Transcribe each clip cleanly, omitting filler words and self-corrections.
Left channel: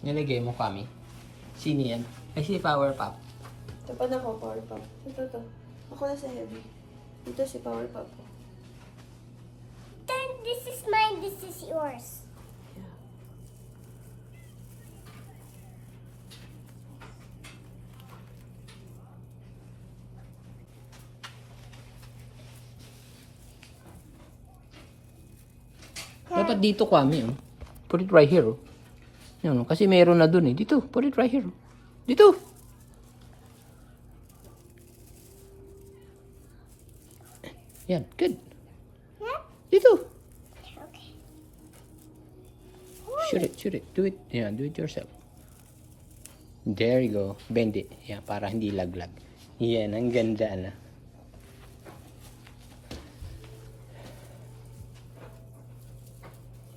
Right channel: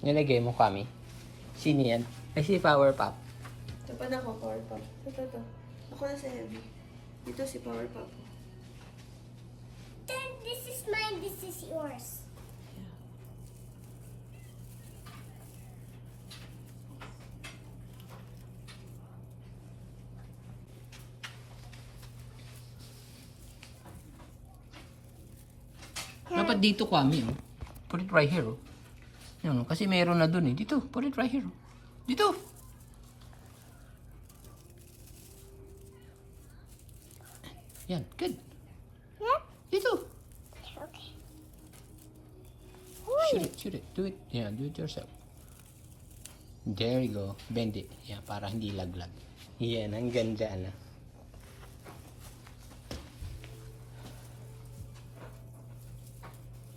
Nilagay mo kami. Sino yan? Ay, si Power Pop. Ito pa na ako, Power Pop. Ito. Ako na sa heavy. Dito si Power Pop. Then this is mine, this is yours. Yeah. Dapat dito kami. Oh. Put it right here. Oh. Yan, kasi meron na dun eh. Dito, put it right here. Oh. Dito. Yan, good. Yeah? Dito. Okay. Shoot it. Do it. Yeah, do it yourself. There you go. Bend it. Yeah, para hindi laglag. Yan, ang ganda na.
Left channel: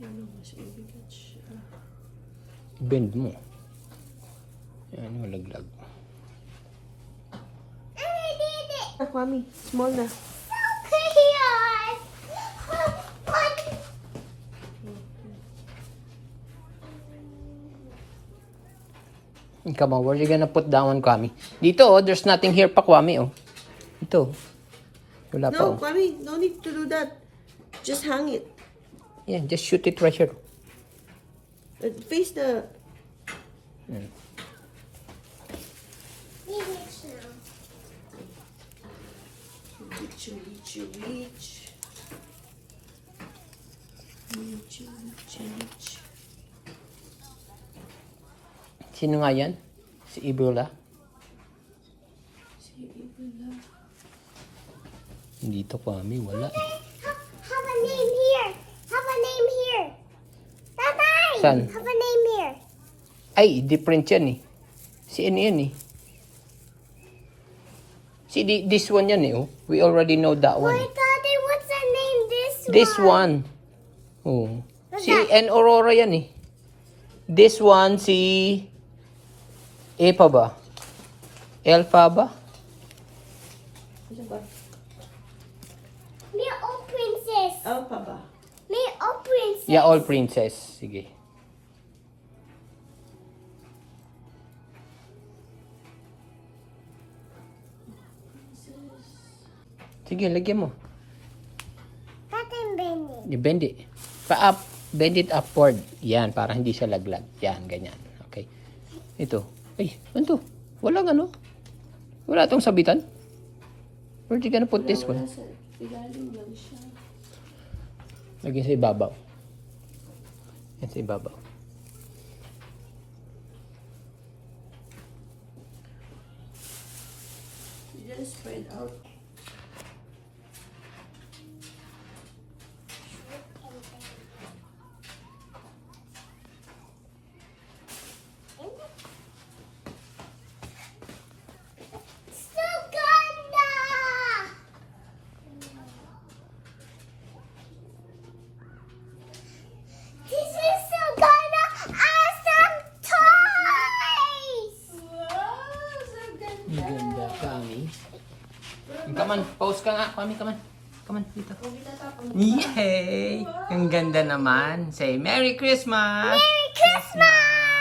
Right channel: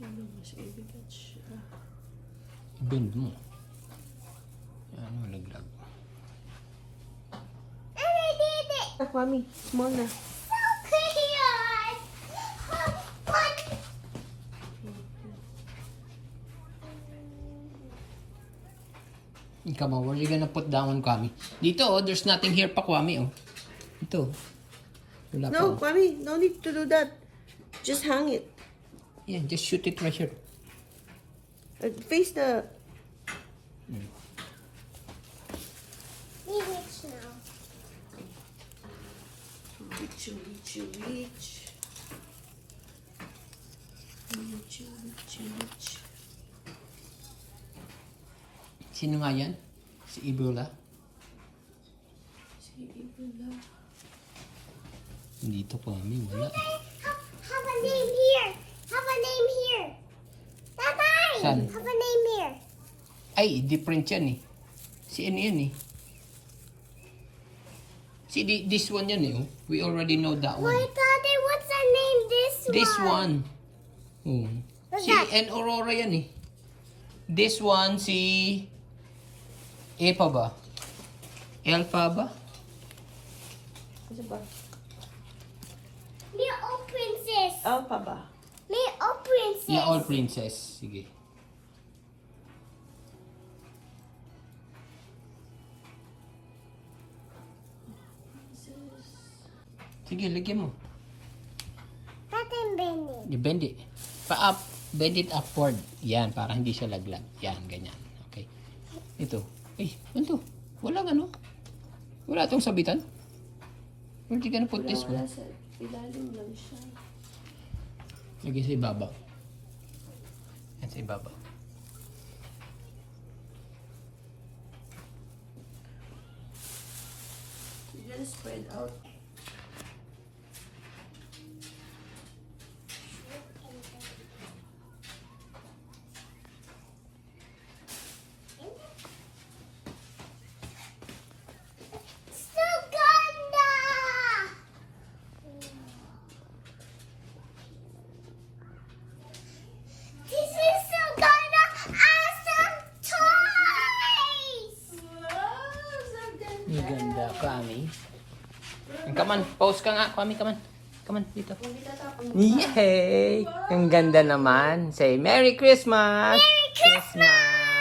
Yan naman siya, ibigat siya. Bend mo. Yan, malaglag. And I did it! Ah, Mami, small na. So cute! What? Come on, where are you gonna put that one, Kwame? Dito, oh, there's nothing here pa, Kwame, oh. Ito. Wala pa, No, oh. Mami, no need to do that. Just hang it. Yeah, just shoot it right here. Face the... Leave it now. Reach. Sino nga yan? Si Ibola? Si Ibula. Dito, Kwame, wala. Have a name here. Have a name here. Tatay! Saan? Have a name here. Ay, different yan, eh. Si ano yan, eh. See, this one yan, eh, oh. We already know that one. Wait, Daddy, what's the name This one. Oh. What's Si that? N. Aurora yan, eh. This one, si... E pa ba? L pa ba? Ano ba? Little princess. Alpha ba? Little princess. Yeah, all princess. Sige. Sige, lagyan mo. Tatay Benny. I-bend it. Ka-up. Bend it upward. Yan, para hindi siya laglag. Yan, ganyan. Okay. Ito. Ay, ano to? Walang ano? Wala tong sabitan? Where you gonna put this Wala one? sa ilalim lang siya. Lagyan sa ibabaw. Yan sa ibabaw. You just spread out. Suganda! This is Suganda awesome toys! Ang ganda, Kami. Come on, pause ka nga. Kami, come on. Come on, dito. Yay! Ang ganda naman. Say, Merry Christmas! Merry Christmas!